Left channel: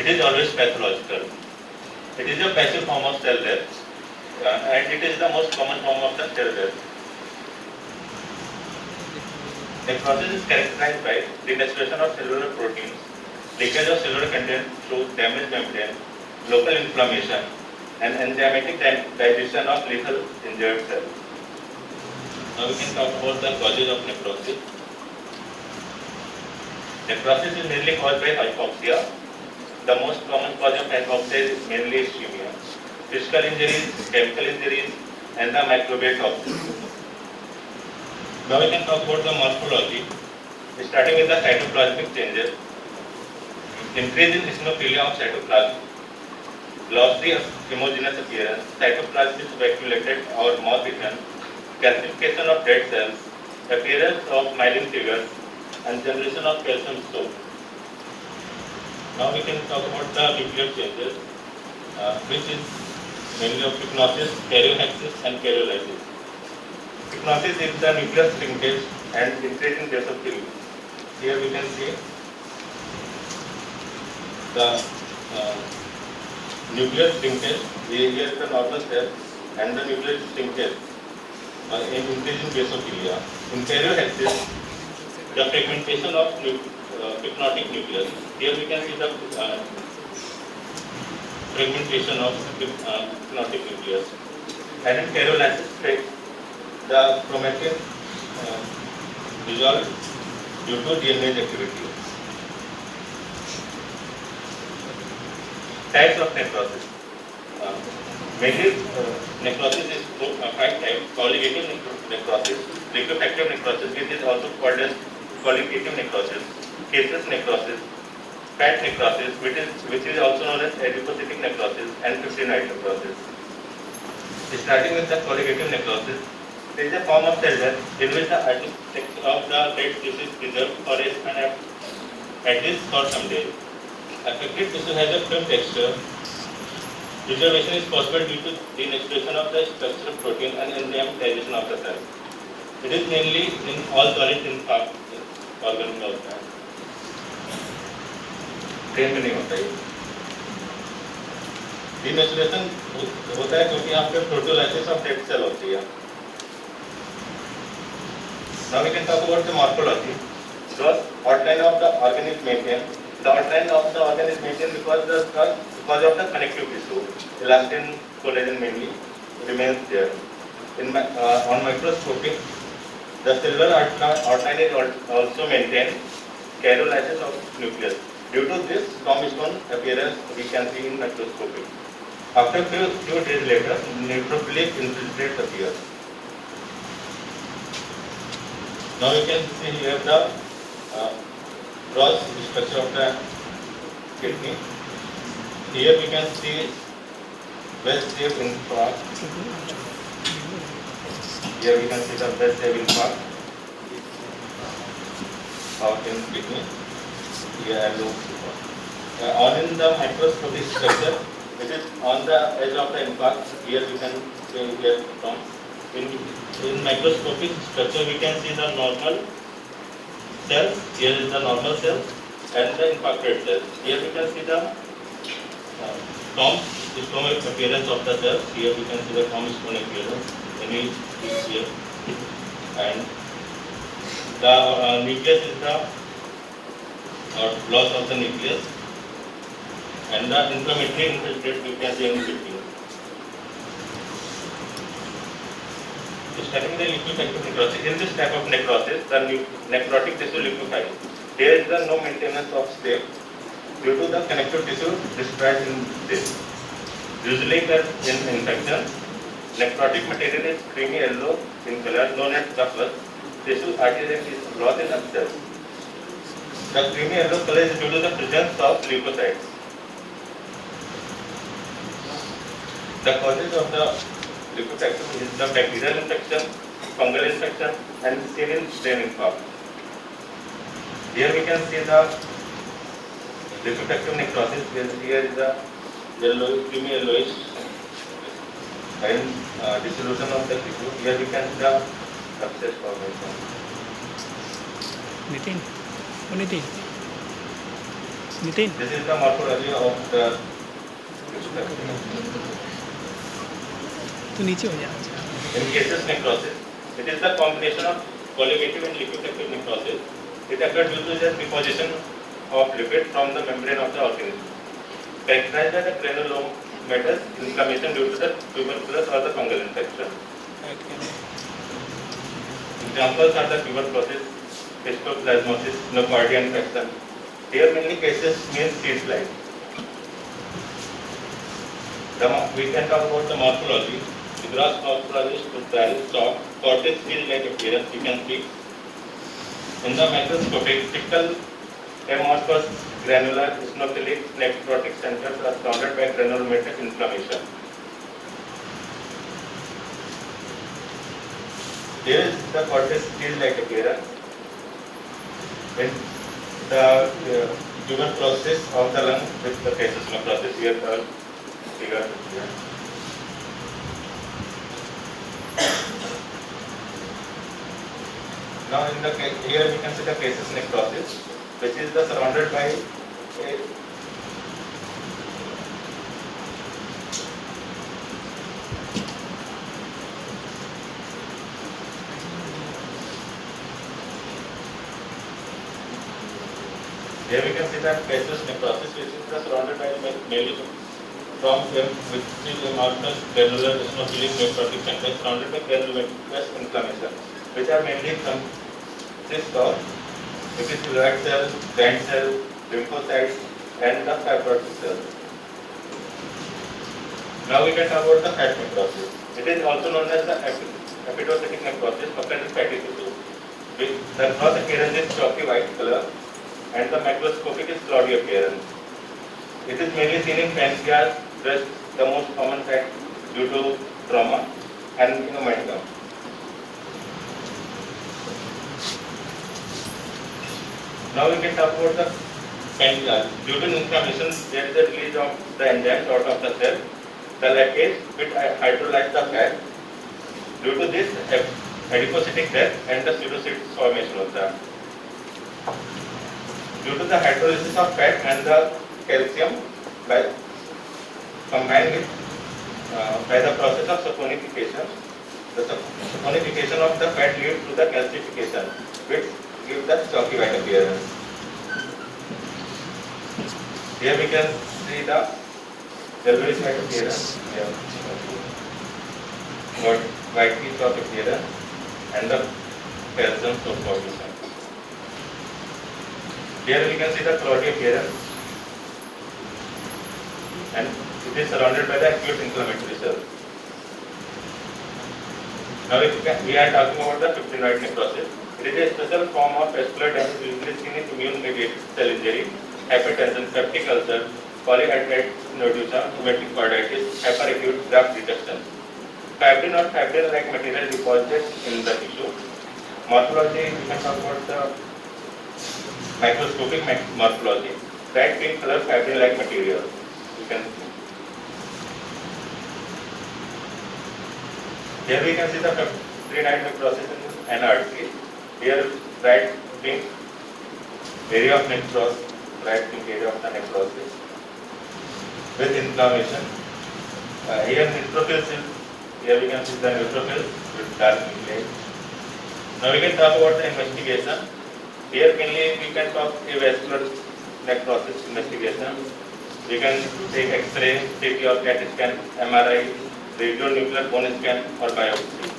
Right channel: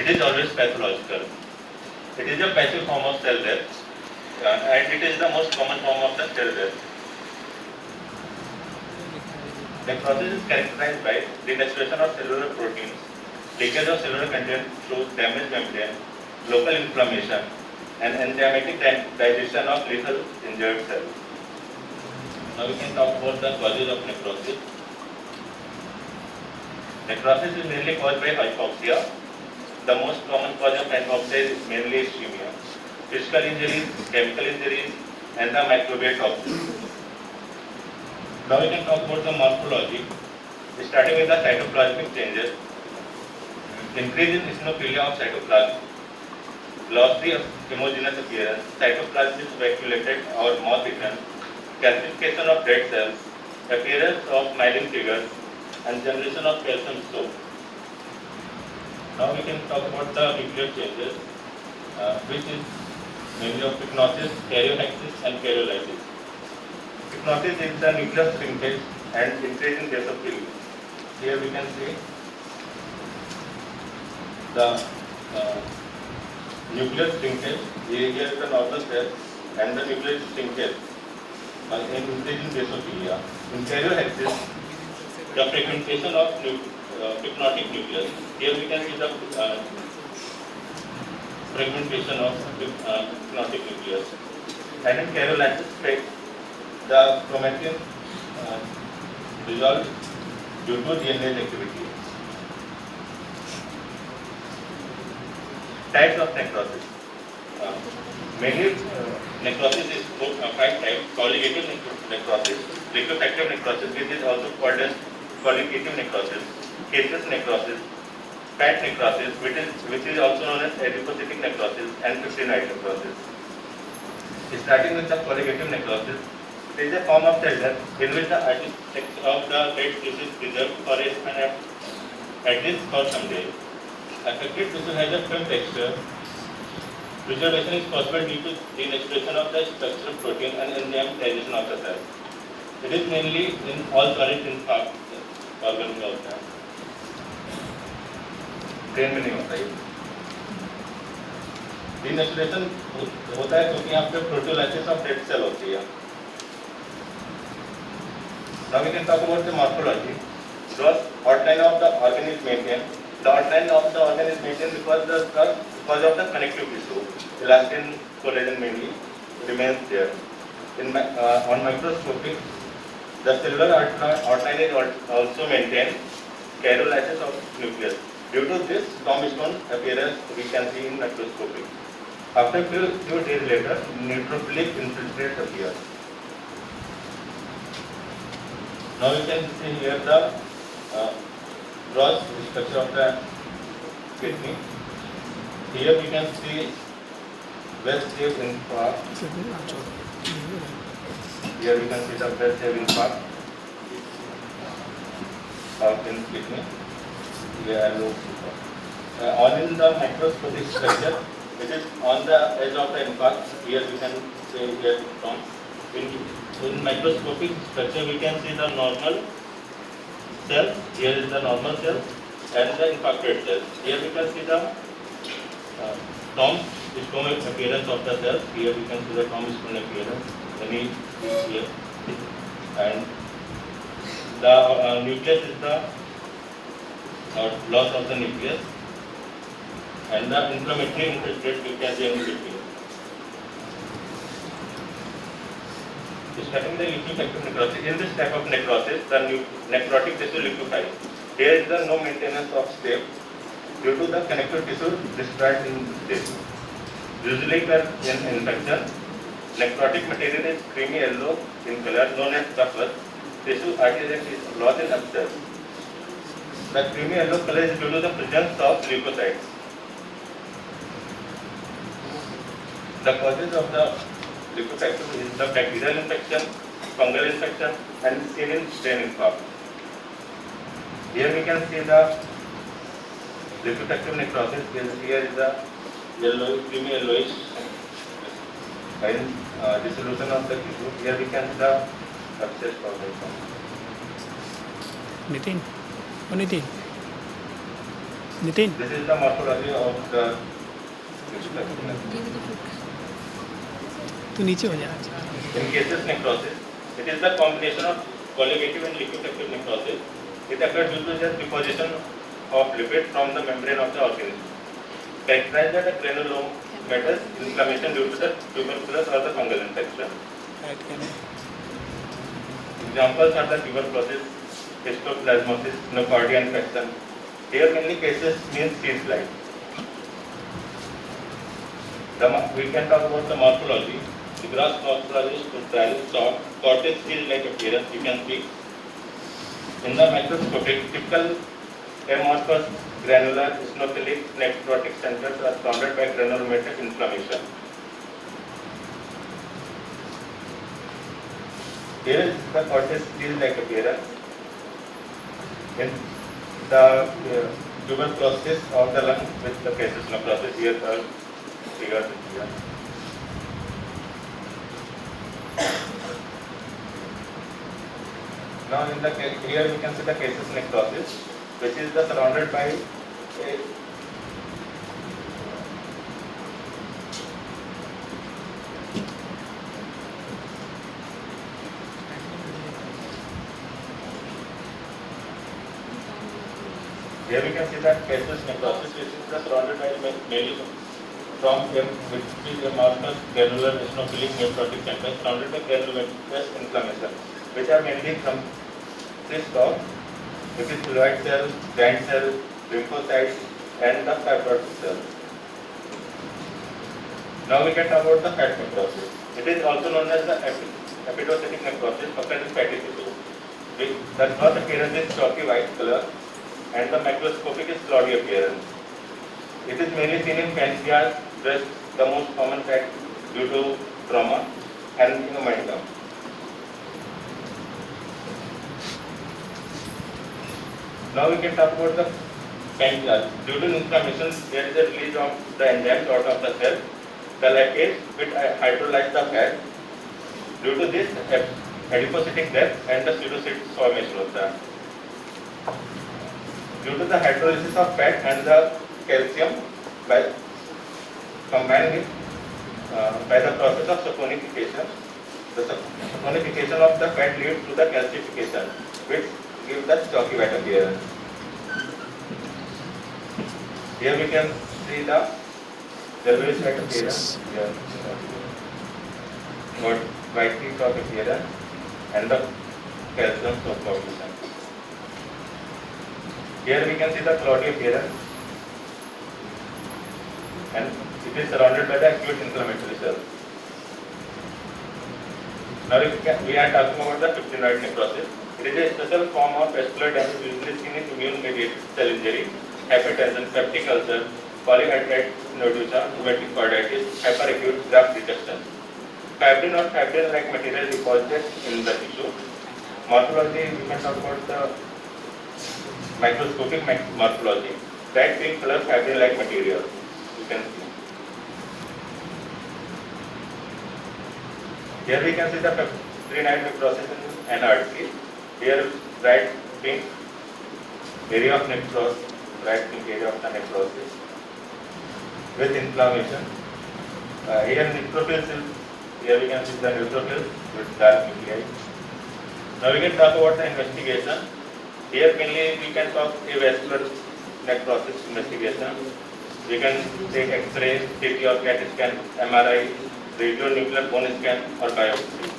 It is always pathological. It is a passive form of cell death, and it is the most common form of the cell death. The process is characterized by denaturation of cellular proteins, leakage of cellular content through damaged membrane, local inflammation, and enzymatic digestion of lethal injured cells. Now we can talk about the causes of necrosis. Necrosis is mainly caused by hypoxia. The most common cause of hypoxia is mainly ischemia. Physical injuries, chemical injuries, and the microbial toxins. Now we can talk about the morphology, starting with the cytoplasmic changes. Increase in eosinophilia of cytoplasm, glossy homogeneous appearance, cytoplasm is vacuolated or moth-eaten, calcification of dead cells, appearance of myelin figures, and generation of calcium soap. Now we can talk about the nuclear changes, which is mainly of pycnosis, karyohexis, and karyolysis. Pycnosis is the nuclear shrinkage and increase in basophilia. Here we can see the nuclear shrinkage. Here is the normal cell, and the nuclear shrinkage in increase in basophilia. In karyohexis, the fragmentation of pycnotic nucleus. Here we can see the fragmentation of pycnotic nucleus. And in karyolysis, the chromatin dissolved due to DNA activity. Types of necrosis. Mainly, necrosis is 5 types: colligative necrosis, liquefactive necrosis, which is also called as colligative necrosis, caseous necrosis, fat necrosis, which is also known as adipocytic necrosis, and fibrinoid necrosis. Starting with the colligative necrosis, it is a form of cell death in which the section of the dead tissue is preserved for at least for some days. Affected tissue has a firm texture. Preservation is possible due to denaturation of the structural protein and enzyme digestion of the cell. It is mainly in all solids in organ में होता है, brain में नहीं होता है। Denaturation होता है क्योंकि यहाँ पे प्रोटोलाइसिस ऑफ डेड सेल होती है। Now we can talk about the morphology. The outline of the organ is maintained. The outline of the organ is maintained because of the connective tissue, elastin, collagen mainly, remains there. On microscopy, the cellular outline is also maintained, karyolysis of nucleus. Due to this tombstone appearance, we can see in microscopy. After few days later, neutrophilic infiltrate appears. Now we can see here the gross structure of the kidney. Here we can see well-shaped infarct. Here we can see the well-shaped infarct in kidney. Here on in the microscopic structure, it is on the edge of the infarct. Here we can see here from in microscopic structure we can see the normal cells. Here is the normal cells and the infarcted cells. Here we can see the tombstone appearance of the cells. Here we can see the tombstone appearance. Here and the nucleus is the loss of the nucleus, and the inflammatory infiltrate we can see in between. Starting the liquefactive necrosis. In this type of necrosis, the necrotic tissue liquefies. There is no maintenance of state due to the connective tissue destroyed in this. Usually in infection, necrotic material is creamy yellow in color, known as pus. Tissue adherent is lost in abscess. The creamy yellow color is due to the presence of leukocytes. The causes of the liquefactive is the bacterial infection, fungal infection, and severe brain infarct. Here we can see the liquefactive necrosis. Here is the creamy yellowish and dissolution of the tissue. Here we can see the abscess formation. Anything? Nitin This is the morphology of the तू नीचे हो जा. in cases necrosis. It is the combination of colligative and liquefactive necrosis. It occurs due to the deposition of lipid from the membrane of the organism. Characterized as a granulomatous inflammation due to the tuberculosis or the fungal infection. Examples are the tuberculosis, histoplasmosis, nocardia infection. Here many cases means seeds like. We can talk about the morphology. The gross morphology is dull, soft, cottage seal-like appearance. You can see. In the microscopic, typical amorphous granular eosinophilic necrotic centers are surrounded by granulomatous inflammation. Here is the cortex seal-like appearance. In the tuberculosis of the lung with the cases necrosis here for figure here. Now in the here we can see the cases necrosis, which is the surrounded by a here we can see the cases necrosis, which is the surrounded by mainly from which is amorphous granular eosinophilic necrotic centers surrounded by granulomatous inflammation, which are mainly consist of epithelial cells, gland cells, lymphocytes, and the fibrotic cells. Now we can talk about the fat necrosis. It is also known as the epitophatic necrosis occurring in fatty tissue. The gross appearance is chalky white color, and the microscopic is cloudy appearance. It is mainly seen in pancreas, breast, the most common fact due to trauma, and hematoma. Now we can talk about the pancreas. Due to inflammation, there is a release of the enzyme out of the cell. The lactate which hydrolyze the fat. Due to this, adipocytic death and the pseudocytes formation of that. Due to the hydrolysis of fat and the calcium combined with by the process of saponification, the saponification of the fat leads to the calcification, which gives the chalky white appearance. Here we can see the yellowish white appearance. Here, whitey chalk appearance and the calcium formation. Here we can see the cloudy appearance, and it is surrounded by the acute inflammatory cells. Now we are talking about the fibrinoid necrosis. It is a special form of vascular damage usually seen in immune-mediated cell injury, hypertension, peptic ulcer, polyhydramnios nodosa, rheumatoid arthritis, hyperacute graft reduction. Fibrin or fibrin-like material deposited in the tissue. Morphology, we can talk about the microscopic morphology. Bright pink color fibrin-like material. You can see. Here we can see the fibrinoid necrosis and artery. Here bright pink area of necrosis, bright pink area of the necrosis with inflammation. Here neutrophils. Here we can see the neutrophils with dark nuclei. Now we can talk about the investigation. Here mainly we can talk a vascular necrosis investigation. We can take X-ray, CT or CAT scan, MRI, radionuclear bone scan or biopsy.